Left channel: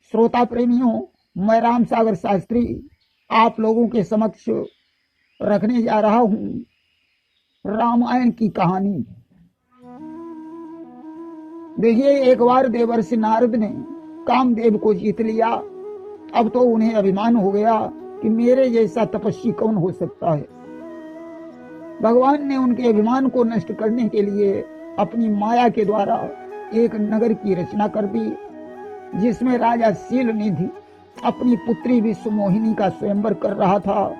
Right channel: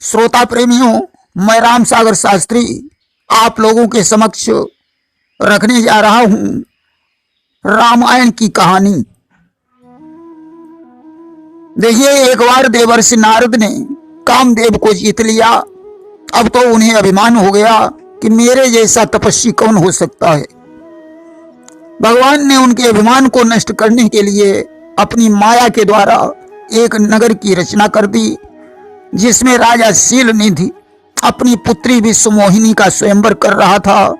श्रोता प्रेमियों, मैं राम सागर शास्त्री आप लोगों के समक्ष रखने जा रहा हूं रामायण की कहानी। देखिए, एक बार देवर्षि नारद ने कामदेव को जीत लिया। अब तो उन्हें अभिमान हो गया कि मेरे जैसा तपस्वी कौन हो सकता है। भगवान ने उनके अभिमान को नष्ट करने के लिए अपनी माया के द्वारा एक नगर की रचना कर दी, जिसमें राजा शीलनिधि अपनी पुत्री विश्वमोहिनी का स्वयंवर कर रहा था।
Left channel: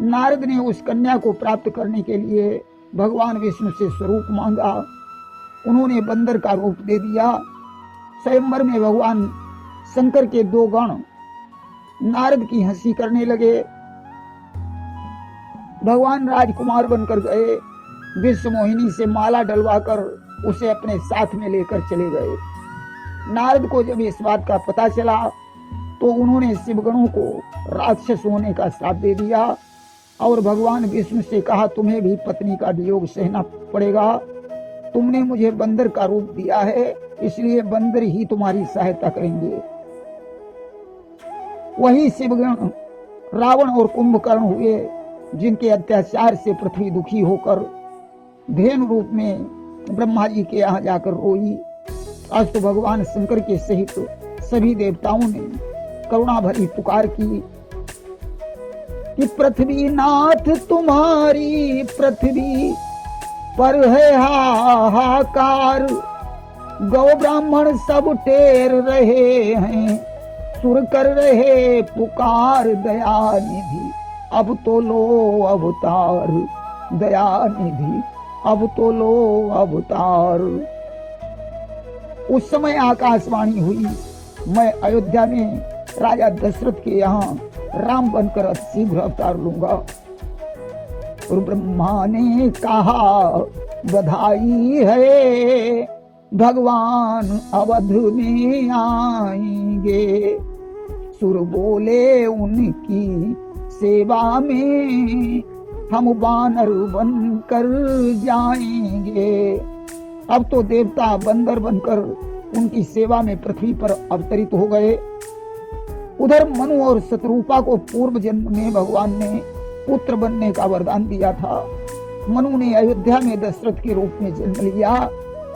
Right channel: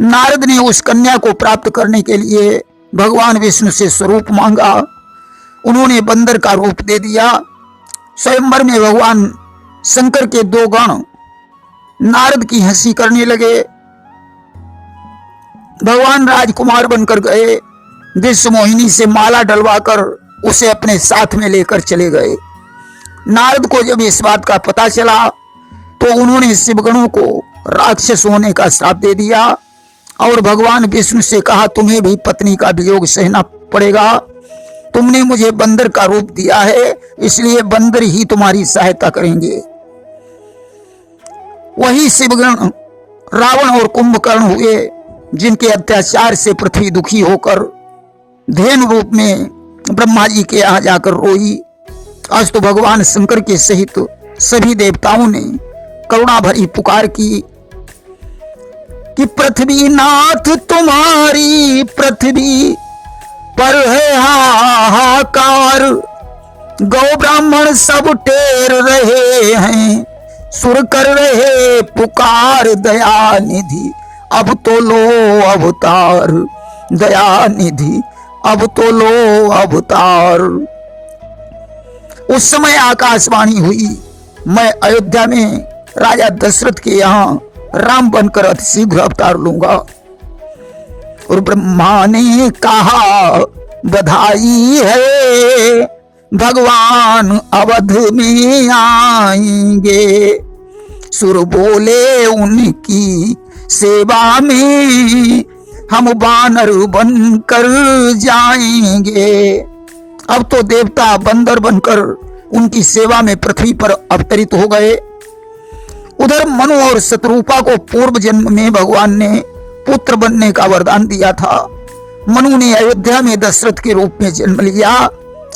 नारद ने उस कन्या को प्राप्त करने के लिए भगवान विष्णु से स्वरूप मांगा। उन्होंने बंदर का रूप दे दिया। स्वयंवर में भगवान शंकर के दो गण नारद की हंसी करने लगे। भगवान राजकुमार बनकर गए, विश्वमोहिनी से माला डलवाकर उसे अपने साथ में लेकर चले गए। नारद को जब इस बात का पता चला तो उन्होंने शिवगणों को राक्षस होने का श्राप दे दिया और भगवान विष्णु से कहा, तुम्हें भी पत्नी का वियोग सहना पड़ेगा। तुमने मुझे बंदर का रूप दिया है, इसलिए बंदर ही तुम्हारी सहायता करेंगे। वही शिवगण रावण और कुंभकर्ण हुए, जिनके अत्याचार से पृथ्वी दुखी होकर धेनु रूप में ब्रह्मा जी के यहाँ जाकर रोई। आज तो भगवान शंकर के सहित सभी देवताओं ने करुणा भरी पुकार की कि पृथ्वी नाथ तुम्हारी पृथ्वी पर है हाहाकार। गौ ब्राह्मण सब टेर रहे हैं, सुर कर रहे पुकार दया निधि अब तो लो अवतार। दया निधि अब तो लो अवतार। उस समय आकाशवाणी हुई, मैं अयोध्या में राजा दशरथ के यहाँ राम बनकर अति शीघ्र अवतार लूंगा। और ब्रह्मा ने कहा, बधाई है भगवान अवध में आएंगे। सुर बोले, उनकी सेवा में हम बानर बनकर जाएंगे। अब तो देवता बंदर बनकर उनकी सेवा में पृथ्वी पर अवतरित हो गए। उधर मनु और शत्रुपा को पूर्व जन्म में भगवान ने पुत्र बनने का वरदान दिया था। मनु ने अयोध्या में दशरथ के रूप में जन्म लिया।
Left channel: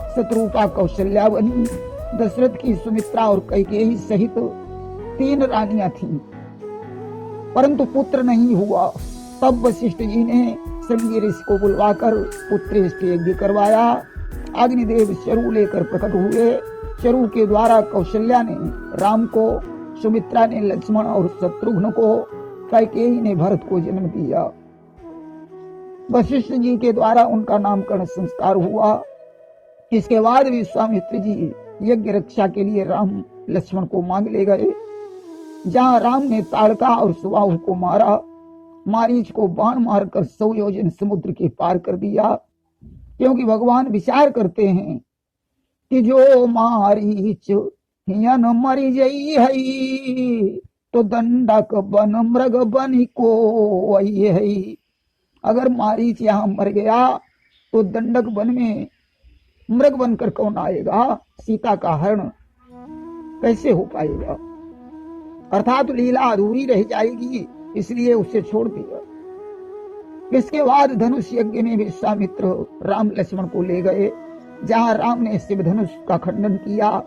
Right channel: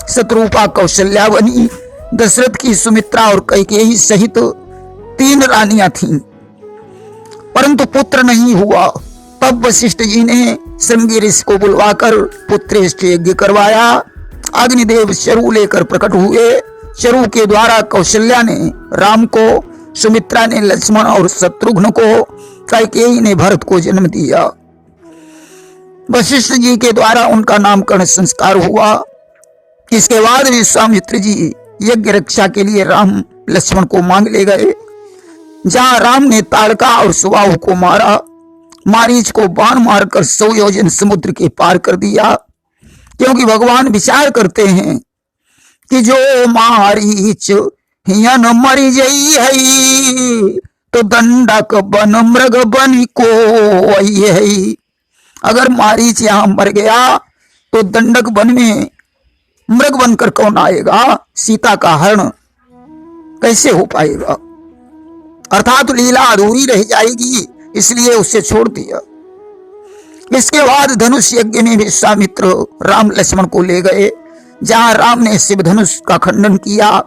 शत्रुपा कौशल्या बनी। दशरथ की सुमित्रा और कैकेयी सहित 3 रानियां थीं, परंतु पुत्र नहीं हुआ। तब वशिष्ठ जी ने श्रृंगी ऋषि को बुलवाकर पुत्रेष्ट यज्ञ करवाया। अग्निदेव चरु लेकर प्रकट हुए। चरु के द्वारा कौशल्या ने राम को, सुमित्रा ने लक्ष्मण और शत्रुघ्न को, कैकेयी ने भरत को जन्म दिया। वशिष्ठ जी के द्वारा उनका नामकरण संस्कार हुआ। इसके बाद विश्वामित्र जी यज्ञ रक्षा के लिए राम लक्ष्मण को मांग ले गए। जहां राम ने ताड़का और सुबाहु को मारा, मारीच को बाण मारकर 100 योजन समुद्र के पार कर दिया। क्योंकि भगवान विचार करते हैं कि जो मारीच हियन मरी जई है, तो दंडक बन मृग बन को है। अगर मारीच यहाँ मर गया तो दंडक वन में मृग बनकर कौन आएगा? सीता का हरण कैसे हो पाएगा? अर्थात लीला अधूरी रह जाएगी, इसलिए उसे छोड़ दिया। इसके बाद धनुष यज्ञ में विश्वामित्र राम लक्ष्मण को ले गए, जहां राम ने शिव धनुष का खंडन किया।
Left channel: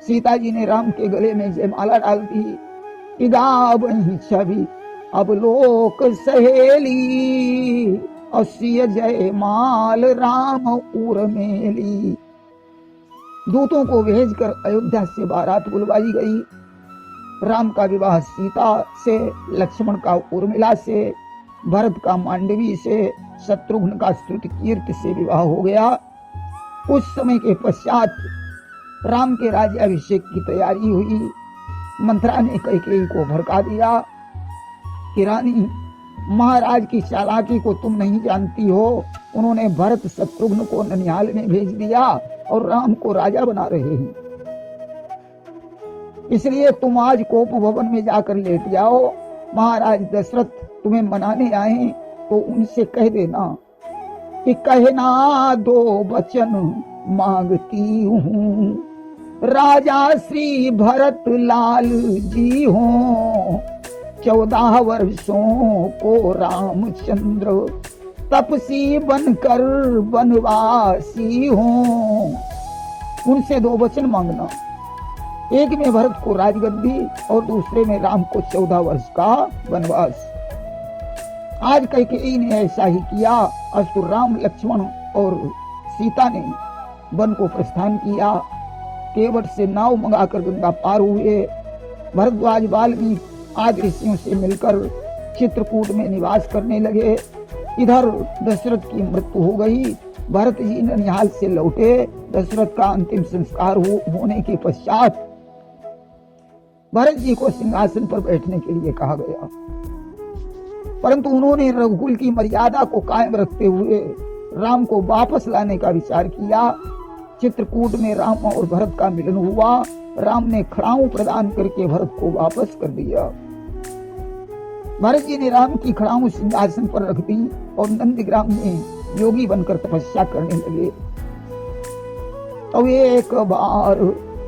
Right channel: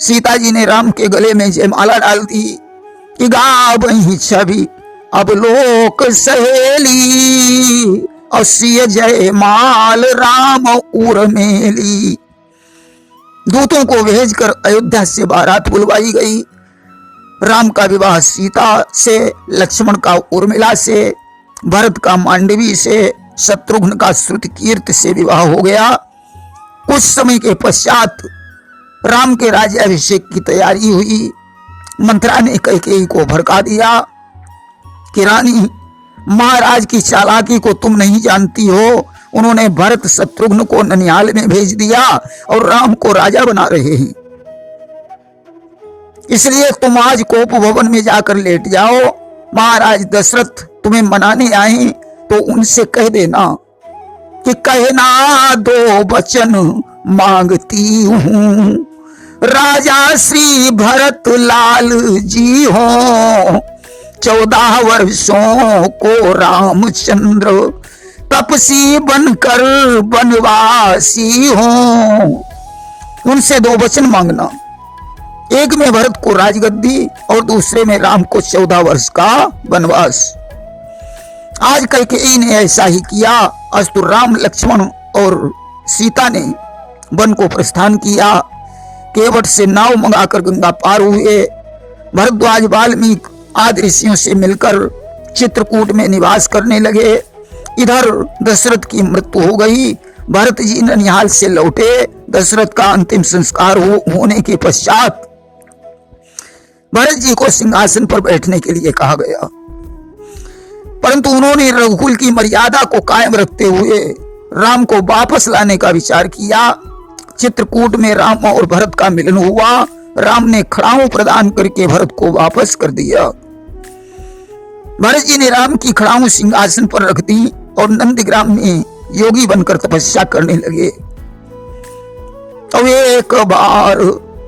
सीता जी ने राम के गले में जयमाला डाल दी कि गावहीं छवि अब लोक सहेली, और सिय जयमाल राम उर्मिली। दूतों को भेजकर अयोध्या से बारात बुलवाई गई। राम का विवाह सीता से, लक्ष्मण का उर्मिला से, भरत का मांडवी से, शत्रुघ्न का श्रुतकीर्ति से विवाह हो गया। कुछ समय के पश्चात राम के राज्याभिषेक की तैयारी हुई। मंत्रा ने कैकेयी को भड़का दिया कि रानी, महाराज की चालाकी को तुम नहीं जानती हो। उन्होंने भरत शत्रुघ्न को ननिहाल में भेज दिया और राम को राजा बना रहे हैं। इसलिए तुम आज कोप भवन में जाकर लेट जाओ। महाराज दशरथ तुम्हें मनाने आए तो उनसे कह देना कि कहना 2 वचन मांगती हूँ। राजा श्री भरत लाल जी हो, 14 वर्षों को रामचंद्र तपसी बनकर बनवासी हो। उनसे 2 वचन मांगना, एक में भरत को राजगद्दी और दूसरे में राम को 14 वर्ष का वनवास। आज कैकेयी ने ऐसा ही किया। अस्तु राम, लक्ष्मण और सीता ने वन को प्रस्थान किया। केवट से नाव मंगाकर गंगा पार हुए। भरद्वाज, वाल्मीकि आदि ऋषियों से मिलकर चित्रकूट में निवास करने लगे। इधर दशरथ की मृत्यु हो गई। भरत जी ननिहाल से लौटे। दशरथ का अंतिम संस्कार होने के पश्चात भरत जी को सिंहासन पर बैठने के लिए कहा गया, परंतु उन्होंने रघुकुल की मर्यादा को कायम रखते हुए राम को वापस लाने का विचार किया। चित्रकूट में राम और भरत का मिलन हुआ। राम ने खड़ाऊ प्रदान करके भरत को वापस कर दिया। भरत जी ने राम की खड़ाऊ सिंहासन पर रख दी और नंदग्राम में योगी बनकर तपस्या करने लगे। तो एक बार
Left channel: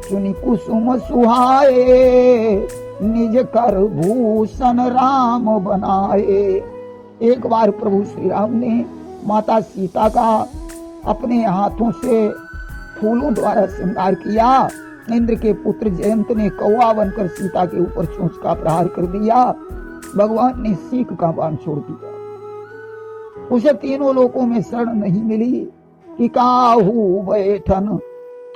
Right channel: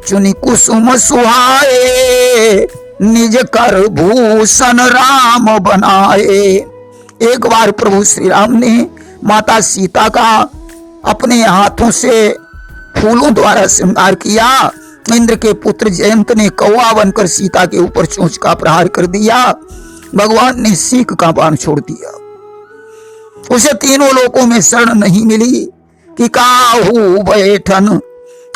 चुनी कुसुम सुहाए, निज कर भूषण राम बनाए। एक बार प्रभु श्री राम ने माता सीता का अपने हाथों से फूलों द्वारा श्रृंगार किया। इंद्र के पुत्र जयंत ने कौवा बनकर सीता के ऊपर चोंच का प्रहार कर दिया। भगवान ने सीख का बाण छोड़ दिया। उसे तीनों लोकों में शरण नहीं मिली कि काहू बैठन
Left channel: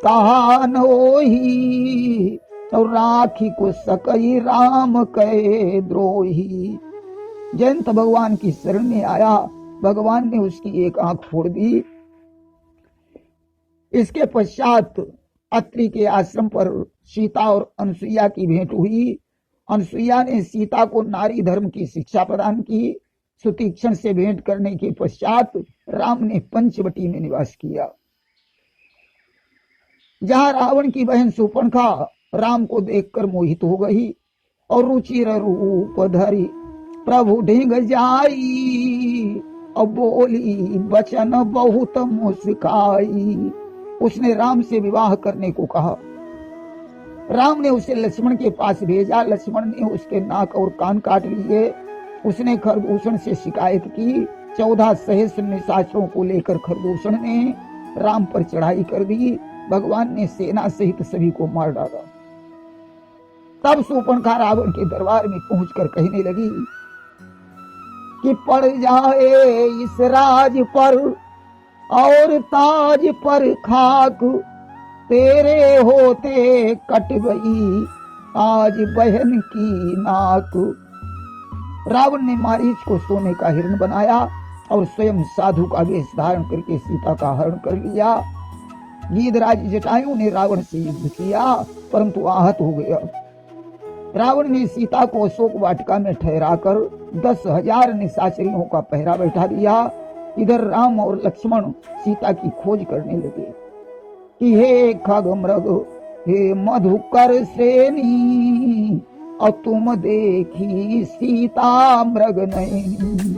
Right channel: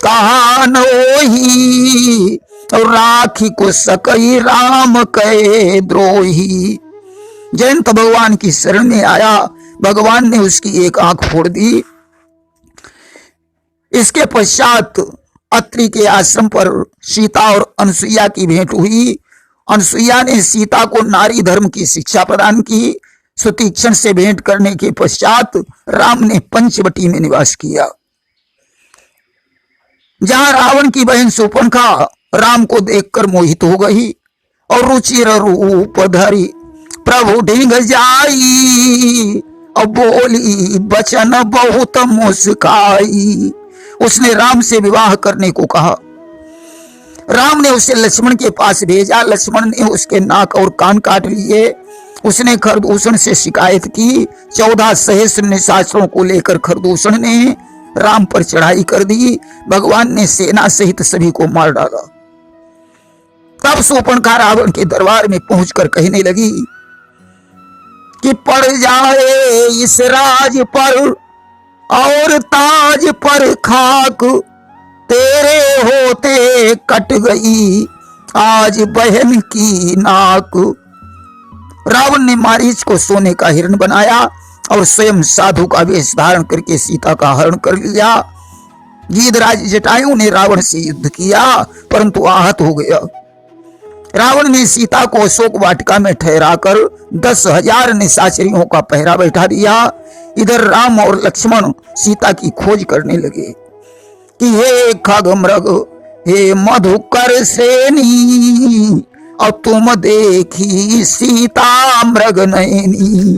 कहा नोही, और राखी को सकई राम कहे द्रोही। जयंत भगवान की शरण में आया। भगवान ने उसकी एक आंख फोड़ दी। इसके पश्चात अत्रि के आश्रम पर सीता और अनसुईया की भेंट हुई। अनसुईया ने सीता को नारी धर्म की शिक्षा प्रदान की। सुतीक्षण से भेंट करने के पश्चात राम ने पंचवटी में निवास किया, जहां रावण की बहन शूर्पणखा राम को देखकर मोहित हो गई और रुचिर रूप धरी प्रभु ढींग जाई, और बोली बचन बहुत मुस्काई। उसने राम से विवाह करने को कहा। राम ने उसे लक्ष्मण के पास भेजा। लक्ष्मण ने उसके नाक और कान काट लिए। उसने खरदूषण से शिकायत की। 14 सहस्त्र निशाचरों को लेकर खरदूषण ने राम पर चढ़ाई कर दी। भगवान ने सेना सहित सभी को मार डाला। तब शूर्पणखा रावण के दरबार में पहुंचकर कहने लगी कि पड़ जाए इस राज पर और ताज पर खाक, तेरे होते कट गई आज बहन की नाक। रावण ने मारीच को सोने का हिरण बनाया और स्वयं साधु का वेश धारण करके सीता का हरण कर लिया। गीधराज जटायु ने रावण से युद्ध किया, परंतु आहत हो गया। रावण ने सीता को अशोक वाटिका में ठहराकर 10,000 निशाचरियों का पहरा बैठा दिया। इधर राम और लक्ष्मण सीता की खोज करने लगे कि हे खगमृग, हे मधुकर श्रेणी, और तुम देखी सीता मृग नयनी।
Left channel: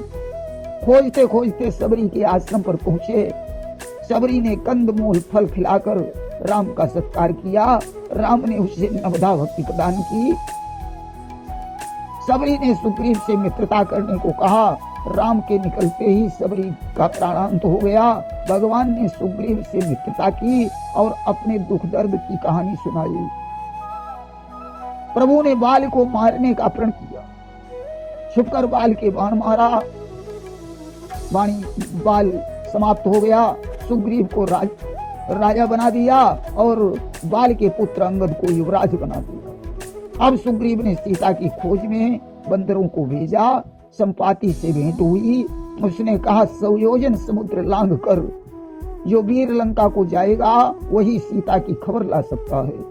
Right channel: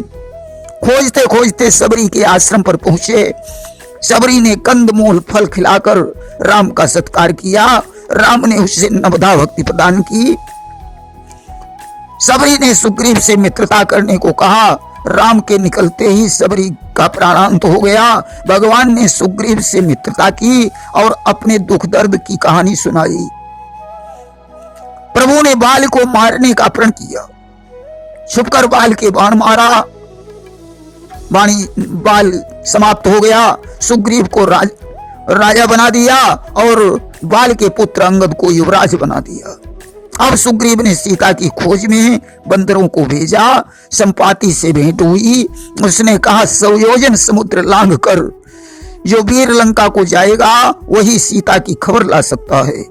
खोजते खोजते सबरी के आश्रम पर पहुंचे। सबरी ने कंदमूल फल खिलाकर राम का सत्कार किया। राम ने उसे नवधा भक्ति प्रदान की। सबरी ने सुग्रीव से मित्रता करने को कहा। राम के निकलते ही सबरी का प्राणांत हो गया। भगवान ने सुग्रीव से मित्रता की और अपने दुख दर्द की कहानी सुनाई। प्रभु ने बाल को मारने का प्रण किया। छुपकर बाल के बाण मारा। बाल समाप्त हो गया। सुग्रीव को राजा बना दिया और बाल के पुत्र अंगद को युवराज बना दिया। अब सुग्रीव ने सीता की खोज में बंदरों को भेजा। संपाति से भेंट हुई। उसने कहा 100 योजन समुद्र लांघ कर जो वीर लंका को जाएगा वही सीता की खबर ला सकता है।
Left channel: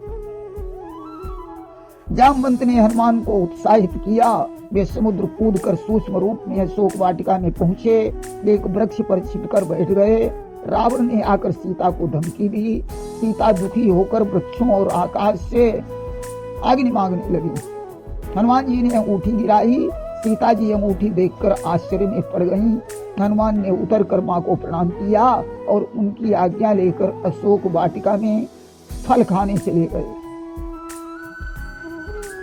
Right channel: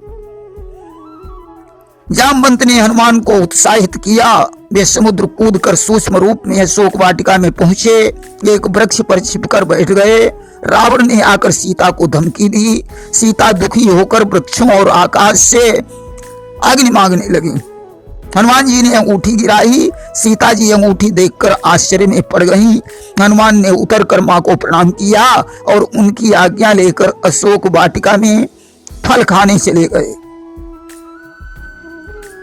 जामवंत ने हनुमान को उत्साहित किया। वे समुद्र कूदकर सूक्ष्म रूप में अशोक वाटिका में पहुंचे। एक वृक्ष पर छिपकर बैठ गए। रावण ने आकर सीता को धमकी दी। सीता दुखी होकर वृक्षों और आकाश से अग्नि मांगने लगी। हनुमान जी ने अंगूठी गिराई। सीता जी अंगूठी देखकर आश्चर्य में पड़ गईं। हनुमान ने उतरकर मां को प्रणाम किया और उनकी आज्ञा लेकर अशोक वाटिका में फल खाने चले गए।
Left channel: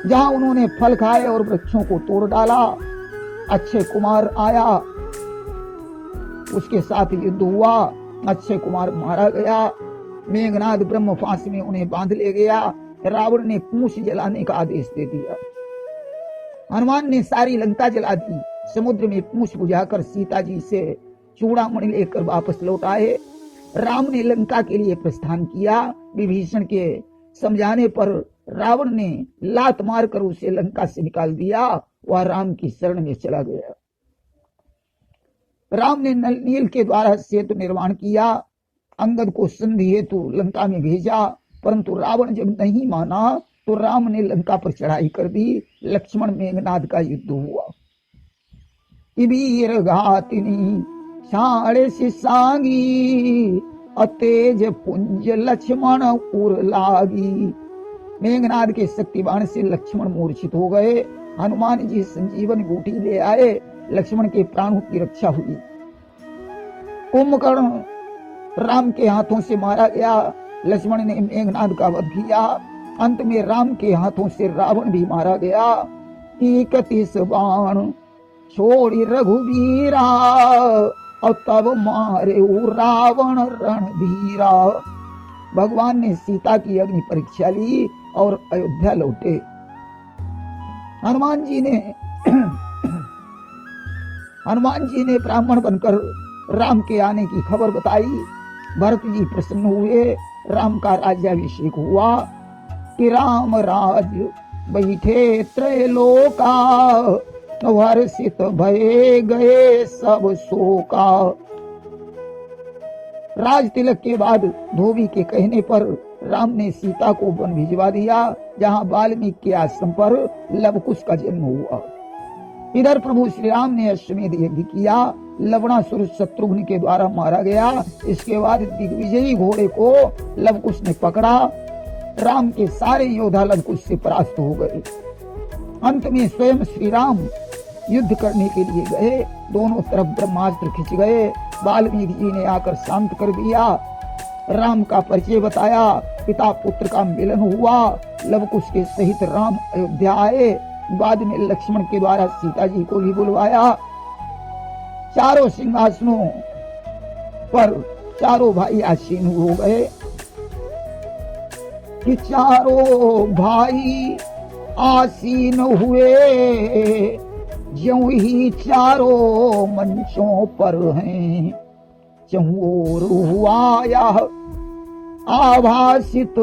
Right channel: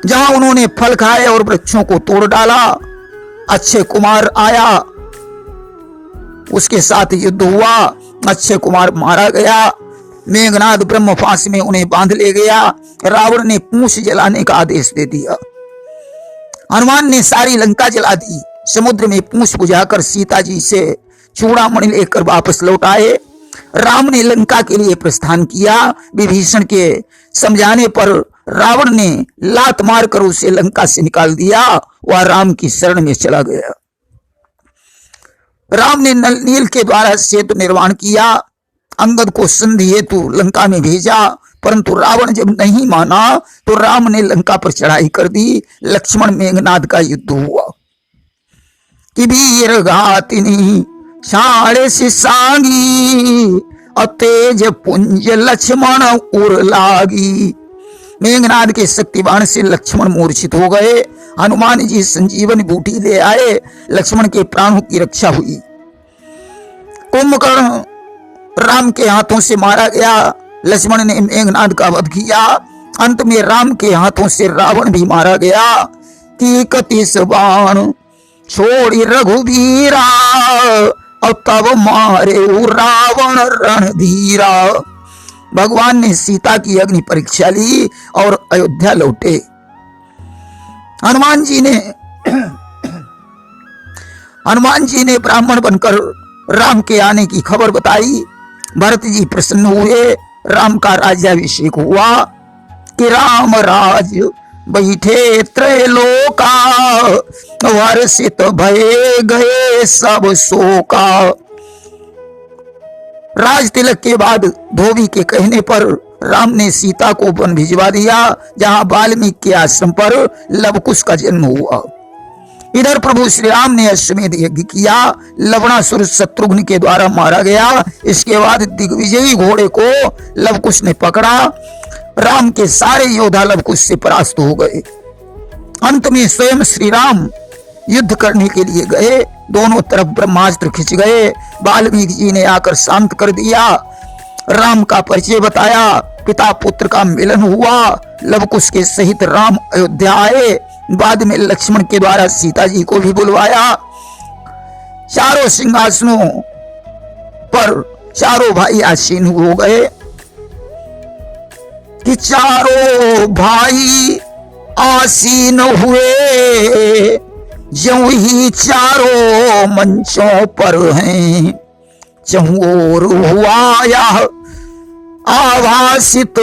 जहां उन्होंने फल खाए और वृक्षों को तोड़ डाला, अक्षय कुमार आया, उसके साथ युद्ध हुआ, अक्षय कुमार मारा गया। मेघनाद ब्रह्म फांस में उन्हें बांध ले गया। रावण ने पूंछ जलाने का आदेश दे दिया। हनुमान ने सारी लंका जला दी। समुद्र में पूंछ बुझाकर सीता जी से चूड़ामणि लेकर वापस लौट आए। राम ने लंका के लिए प्रस्थान किया। विभीषण के समझाने पर रावण ने लात मारकर उसे लंका से निकाल दिया। वह राम की शरण में चला गया। राम ने नल नील के द्वारा सेतु निर्माण किया। अंगद को संधि हेतु लंका में भेजा, परंतु रावण जब नहीं माना तो राम ने लंका पर चढ़ाई कर दी। लक्ष्मण मेघनाद का युद्ध हुआ। कि वीर घातिनी साड़े से सांगी, अतेज पुंज लक्ष्मण उर लागी। मेघनाद के शक्तिबाण से लक्ष्मण मूर्छित हो गए। हनुमान जी संजीवन बूटी ले आए। लक्ष्मण के प्राणों की रक्षा हुई। कुंभकर्ण राम के हाथों से मारा गया। लक्ष्मण ने मेघनाद का वध किया। अंत में राम के हाथों से रावण भी मारा गया। कि कतिस बाण छोड़ी रघुवीरा, और तब मारे रावण रणधीरा। भगवान ने सीता की अग्नि परीक्षा ली और अयोध्या लौटे। हनुमान जी ने ब्राह्मण बनकर राम के आने की खबर बताई। भरत जी प्रसन्न हुए। राम का राज्याभिषेक हुआ। कि राम राज बैठे त्रैलोका, वर्षित भये गए सब शोका। राज तिलक के बाद धोबी के कहने पर राम ने सीता को वन भिजवा दिया, जहां वाल्मीकि के आश्रम पर लवकुश का जन्म हुआ। इधर प्रभु श्री राम ने अश्वमेध यज्ञ किया। लवणासुर शत्रुघ्न के द्वारा मारा गया। इसके बाद दिग्विजयी घोड़े को लवकुश ने पकड़ा। राम के सारे योद्धा लवकुश से परास्त हो गए। अंत में स्वयं श्री राम युद्ध करने के लिए गए। दोनों तरफ ब्रह्मास्त्र खिंच गए। वाल्मीकि जी ने आकर शांत कर दिया। राम का परिचय बताया। पिता पुत्र का मिलन हुआ। लवकुश के सहित राम अयोध्या आए। बाद में लक्ष्मण के द्वारा सीता जी को भी बुलवाया। चारों सिंहासनों पर चारों भाई आसीन हो गए। कि चारों भाई आसीन हुए, ज्यों ही चारों मंचों पर हैं। चहुओर हुआ यह आभासित,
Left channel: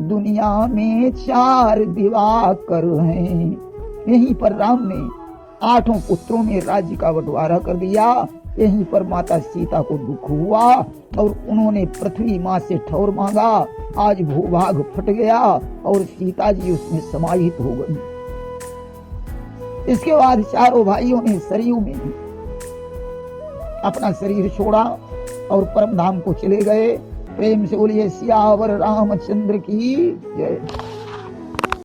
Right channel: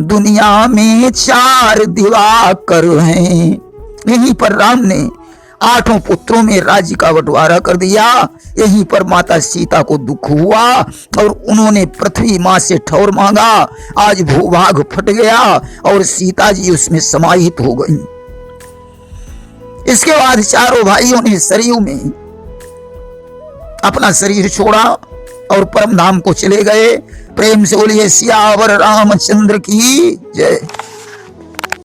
दुनिया में चार दिवाकर हैं। यहीं पर राम ने 8 पुत्रों में राज्य का बंटवारा कर दिया। यहीं पर माता सीता को दुख हुआ और उन्होंने पृथ्वी मां से ठौर मांगा। आज भूभाग फट गया और सीता जी उसमें समाहित हो गई। इसके बाद चारों भाइयों ने सरयू में अपना शरीर छोड़ा और परम धाम को चले गए। प्रेम से बोलिए सियावर रामचंद्र की जय।